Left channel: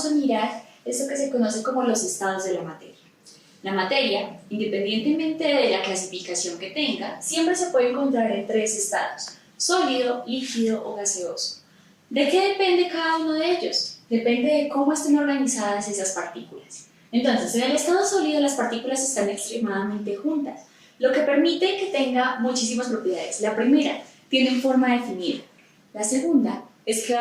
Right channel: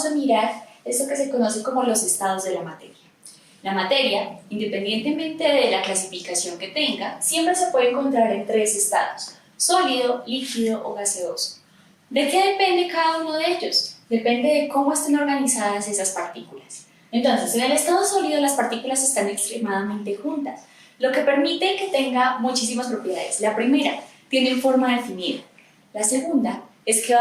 vamos a mirar esto que se conoce como los estados de la materia. La materia, independientemente de la clasificación que tenga, siempre se puede encontrar en tres estados: sólido, líquido o gaseoso. ¿De qué depende cada uno de ellos? Depende de cómo estén organizadas esas partículas. Entonces, en el estado sólido las partículas están extremadamente juntas, lo que permite que tenga muchísimas propiedades. La primera, tienen forma definida. La segunda es que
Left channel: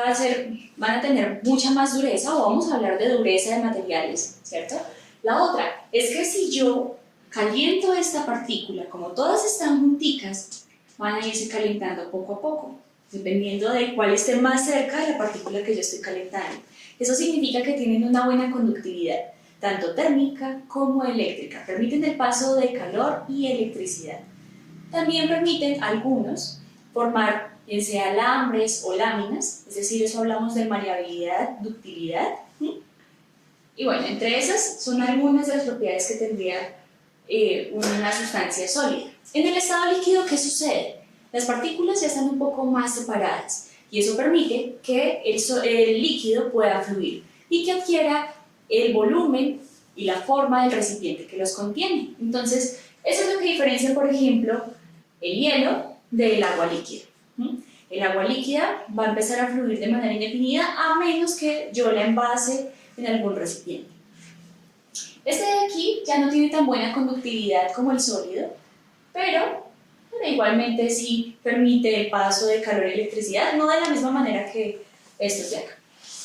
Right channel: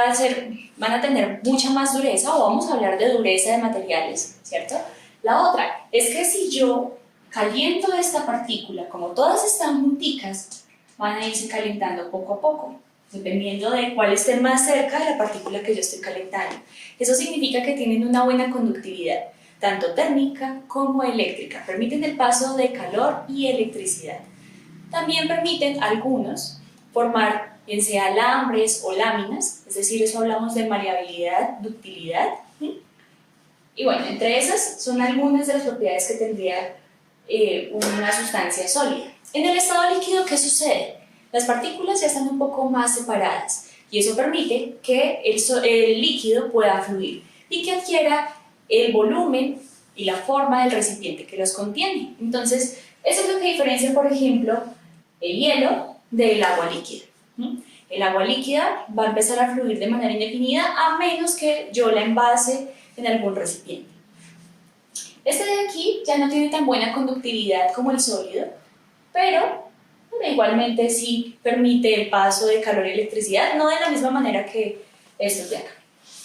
van a tener mucha más dureza, o vamos a hablar de dureza de materiales, ¿cierto? La otra es que si yo caliento esta partícula, como todas están junticas, van a irse calentando poco a poco, dependiendo de cuál esté más cerca de la partícula que yo estoy calentando. Eso significa que tienen una buena conductividad, tanto térmica como eléctrica. Permiten el paso de calor y electricidad. También permiten algunos formar, bien sea alambres o láminas, es decir, eso hablamos de maleabilidad, ductilidad. Y bueno, entre esas son algunas de las propiedades que tendría una sustancia sólida. En el estado líquido, ¿qué sucede? Las partículas ya están un poco más separadas y eso permite que el líquido pueda fluir y que adquiera el volumen y la forma del recipiente que los contiene. Entonces, eso es lo que diferencia, por ejemplo, el hielo del agua líquida. El agua líquida va a empezar a fluir de manera indefinida a menos que yo la envase en algún recipiente. Este de aquí ya no tiene tan buena conductividad como el sólido, pero igualmente sí permite el paso de calor y electricidad, no de la misma manera que estos de acá.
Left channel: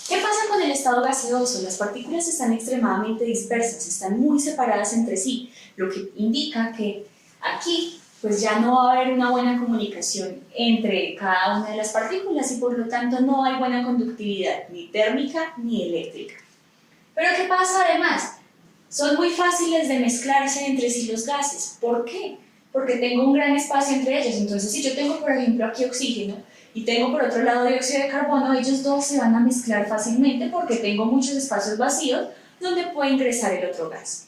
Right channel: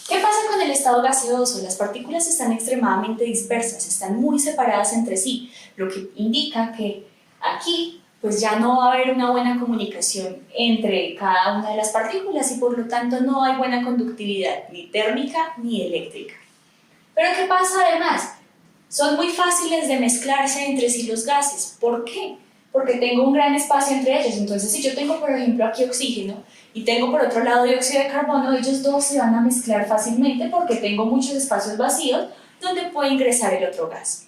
¿Qué pasa con el estado gaseoso? Las partículas están extremadamente dispersas, están muy separadas entre sí, lo que indica que aquí pues ya no va a haber una buena comunicación entre cada una de las partículas y por lo tanto no hay buena conductividad ni térmica ni eléctrica. Pero ¿qué pasa además? Son muy fáciles de mezclarse entre sí los gases. ¿Por qué? Porque tengo un gran espacio entre ellos. Entonces, si yo tengo, por ejemplo, aquí oxígeno y tengo por otro lado dióxido de carbono, ellos dos se van a mezclar fácilmente porque tengo muchos espacios vacíos donde puede ingresar el otro gas.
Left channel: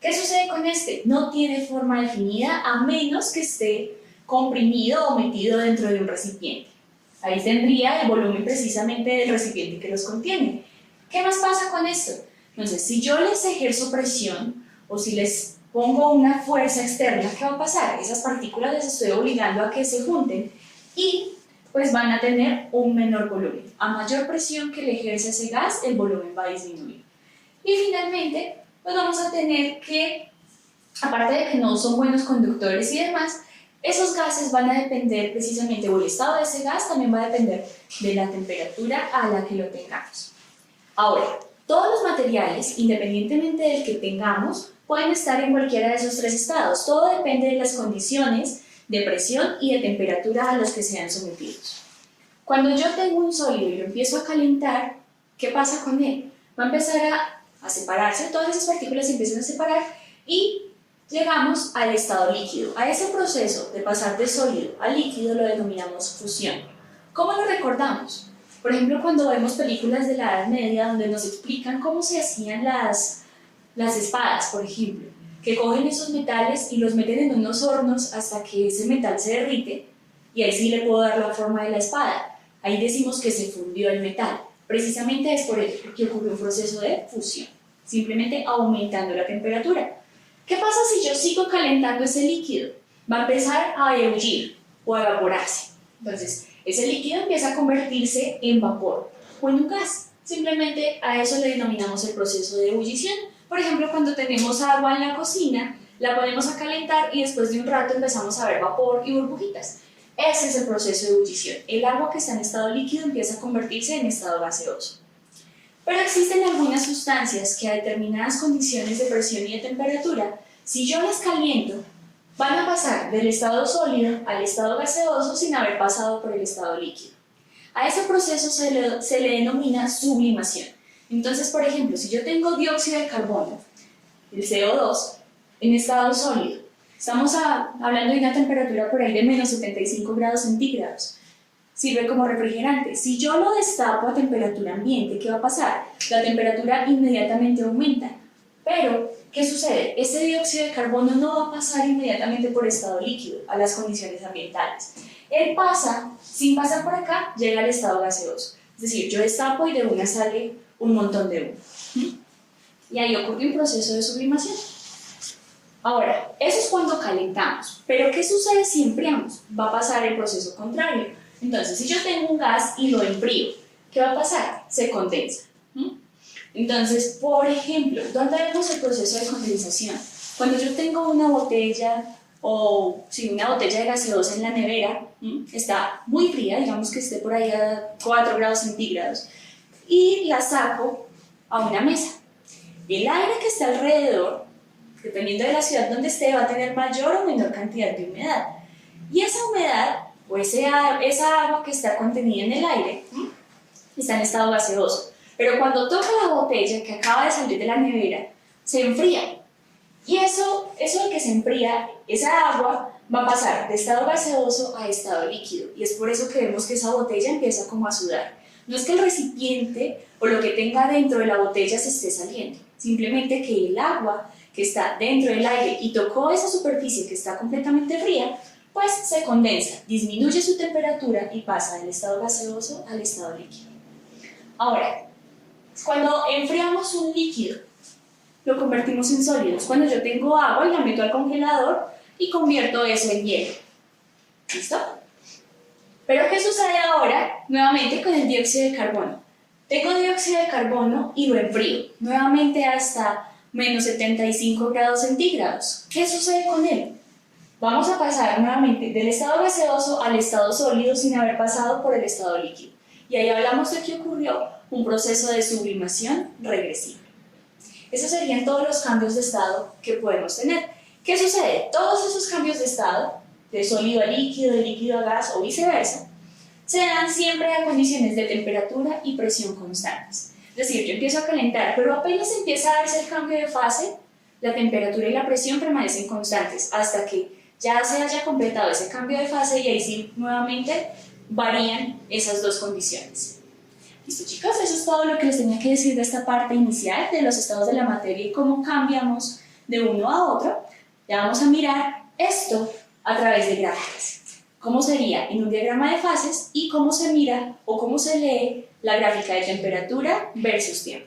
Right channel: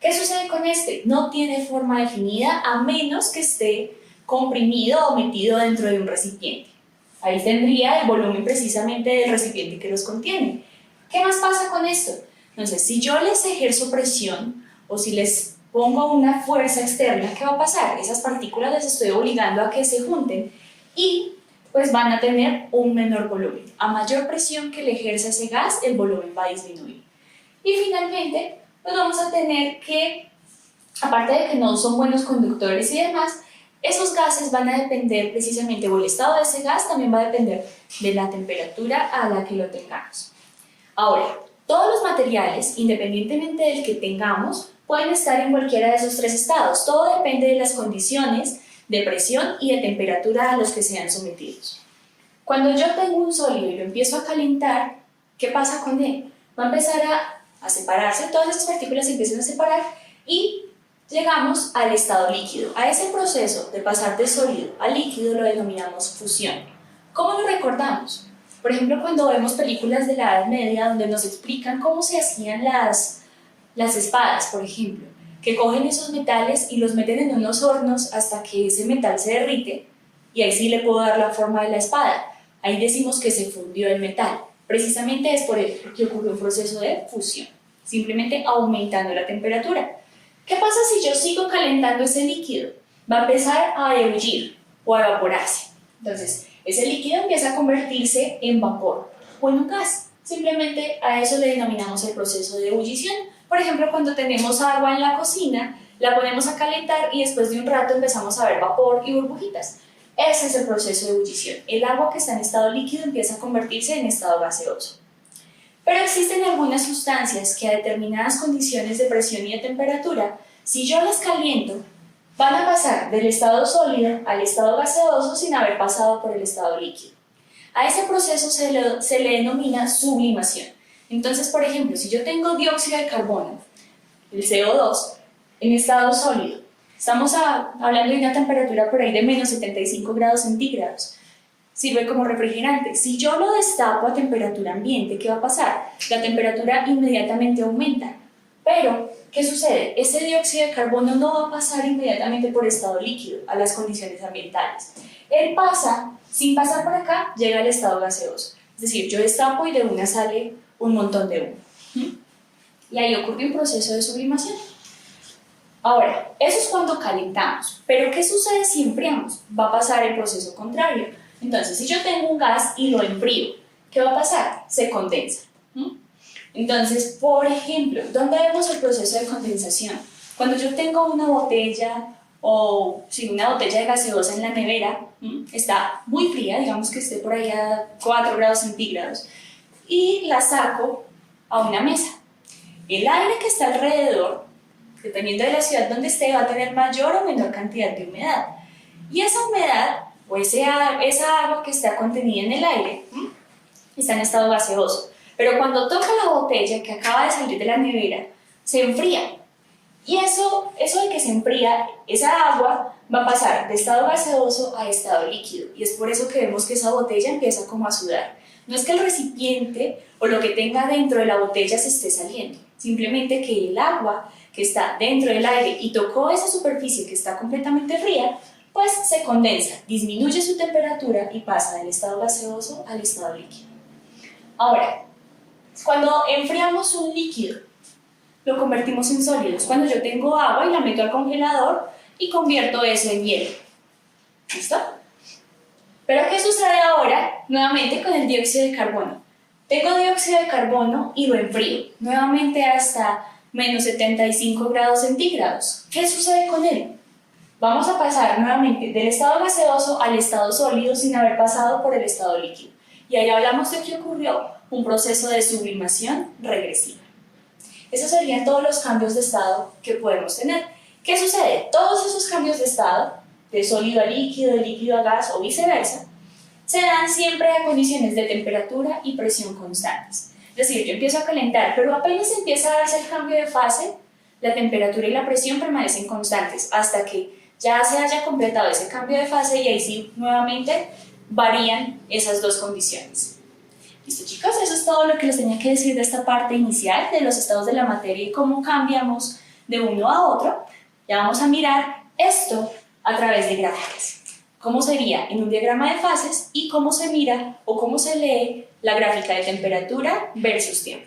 ¿Qué sucede con este? No tiene forma definida a menos que esté comprimido o metido dentro de un recipiente. Ahí tendría el volumen precisamente del recipiente que los contiene. ¿Qué más pasa con esto? Entonces, si yo les ejerzo presión o si les pongo una fuerza externa, ¿qué va a pasar? Esas partículas las estoy obligando a que se junten y pues van a tener un menor volumen. A mayor presión que le ejerza ese gas, el volumen va a disminuir. Y finalmente, pues vamos a tener que, aparte de que no son buenos conductores y demás, esos gases van a depender precisamente, o el estado de ese gas también va a depender de la temperatura a la que lo tengamos. Ahora, todos los materiales, independientemente del que tengamos, pueden estar en cualquiera de esos tres estados. Todo depende de las condiciones de presión y de temperatura a los que sean sometidos. Cuando yo tengo un sólido y lo empiezo a calentar, ¿qué pasa con él? Va a empezar a separarse, todas esas partículas se empiezan a separar y llegamos al estado líquido. A ese proceso de pasar de sólido a líquido lo denominamos fusión. ¿Cómo lo recordamos? Por ejemplo, cuando vemos películas de la Edad Media donde nos explican cómo se hacían las espadas, por ejemplo, que cogen esos metales y los meten en unos hornos hasta que ese metal se derrite y ahí sí le puedo dar la forma de la espada. Ahí decimos que se fundió el metal. Precisamente es por ello que ocurre un proceso de fusión, simplemente aumentando la temperatura. ¿Qué pasa si yo sigo calentando ese líquido? Va a empezar a ebullir o a evaporarse. Entonces, ese líquido empieza a convertirse en vapor o en un gas. Simplemente a eso le denominamos el proceso de ebullición. Por ejemplo, cuando tenemos agua en la cocina, la ponemos a calentar y después de un rato empezamos a ver vapor y burbujitas. Ese es el proceso de ebullición. El agua que está en estado líquido empieza a convertirse en estado gaseoso. Pero existen algunas sustancias que a determinadas condiciones de presión y de temperatura, si yo las caliento, van a pasar del estado sólido al estado gaseoso sin haber pasado por el estado líquido. A ese proceso se le denomina sublimación. Entonces, por ejemplo, si yo tengo dióxido de carbono, el CO2, en estado sólido, estamos hablando de una temperatura por ahí de menos 75 grados centígrados, sirve como refrigerante. Si yo lo destapo a temperatura ambiente, ¿qué va a pasar? La temperatura inmediatamente aumenta. Pero, ¿qué sucede? Ese dióxido de carbono no va a pasar inmediatamente por estado líquido a las condiciones ambientales. Él pasa, sin pasar por acá, llega al estado gaseoso. Es decir, yo destapo y de una sale un montón de humo. Y ahí ocurre un proceso de sublimación. Ahora, eso es cuando calentamos, pero ¿qué sucede si enfriamos? Va a pasar el proceso contrario. Entonces, si yo tengo un gas y lo enfrío, ¿qué va a pasar? Se condensa. Entonces, por ejemplo, ¿dónde vemos el proceso de condensación? Cuando yo tengo una botella una botella de gaseosa en la nevera, está muy fría, digamos que esté por ahí a 4 grados centígrados, y la saco a una mesa. El aire que está alrededor, dependiendo de la ciudad donde esté, va a tener mayor o menor cantidad de humedad. Y esa humedad, o esa agua que está contenida en el aire, está en estado gaseoso. Pero cuando toca la botella que acaba de salir de la nevera, se enfría. Y eso de que se enfría, esa agua va a pasar de estado gaseoso a estado líquido. Y es por eso que vemos que esa botella empieza como a sudar. No es que el recipiente o lo que tenga dentro de la botella se esté saliendo. Simplemente que el agua que está dentro del aire y tocó esa superficie que está completamente fría, pues se condensa, disminuye su temperatura y pasa del estado gaseoso al estado líquido. Ahora, cuando enfriamos un líquido, lo convertimos en sólidos. Cuando yo tengo agua y la meto al congelador y convierto eso en hielo. ¿Listo? Pero ¿qué sucede ahora nuevamente con el dióxido de carbono? Tengo dióxido de carbono y lo enfrío nuevamente hasta menos 75 grados centígrados. ¿Qué sucede con él? Vamos a pasar nuevamente del estado gaseoso al estado sólido sin haber pasado por el estado líquido. Y ahí hablamos de que ocurrió un proceso de sublimación regresiva. Esos serían todos los cambios de estado que podemos tener. ¿Qué sucede? Todos esos cambios de estado, de sólido a líquido, de líquido a gas o viceversa, se dan siempre a condiciones de temperatura y presión constantes. Es decir, yo empiezo a calentar, pero apenas empieza a darse el cambio de fase, la temperatura y la presión permanecen constantes hasta que ya se haya completado ese cambio de fase y ahí sí nuevamente varían esas dos condiciones. Listo, chicos, eso es todo lo que les tenía que decir de esta parte inicial de los estados de la materia y cómo cambiamos de uno a otro. Ya vamos a mirar esto a través de gráficas. Cómo sería en un diagrama de fases y cómo se mira o cómo se lee la gráfica de temperatura versus tiempo.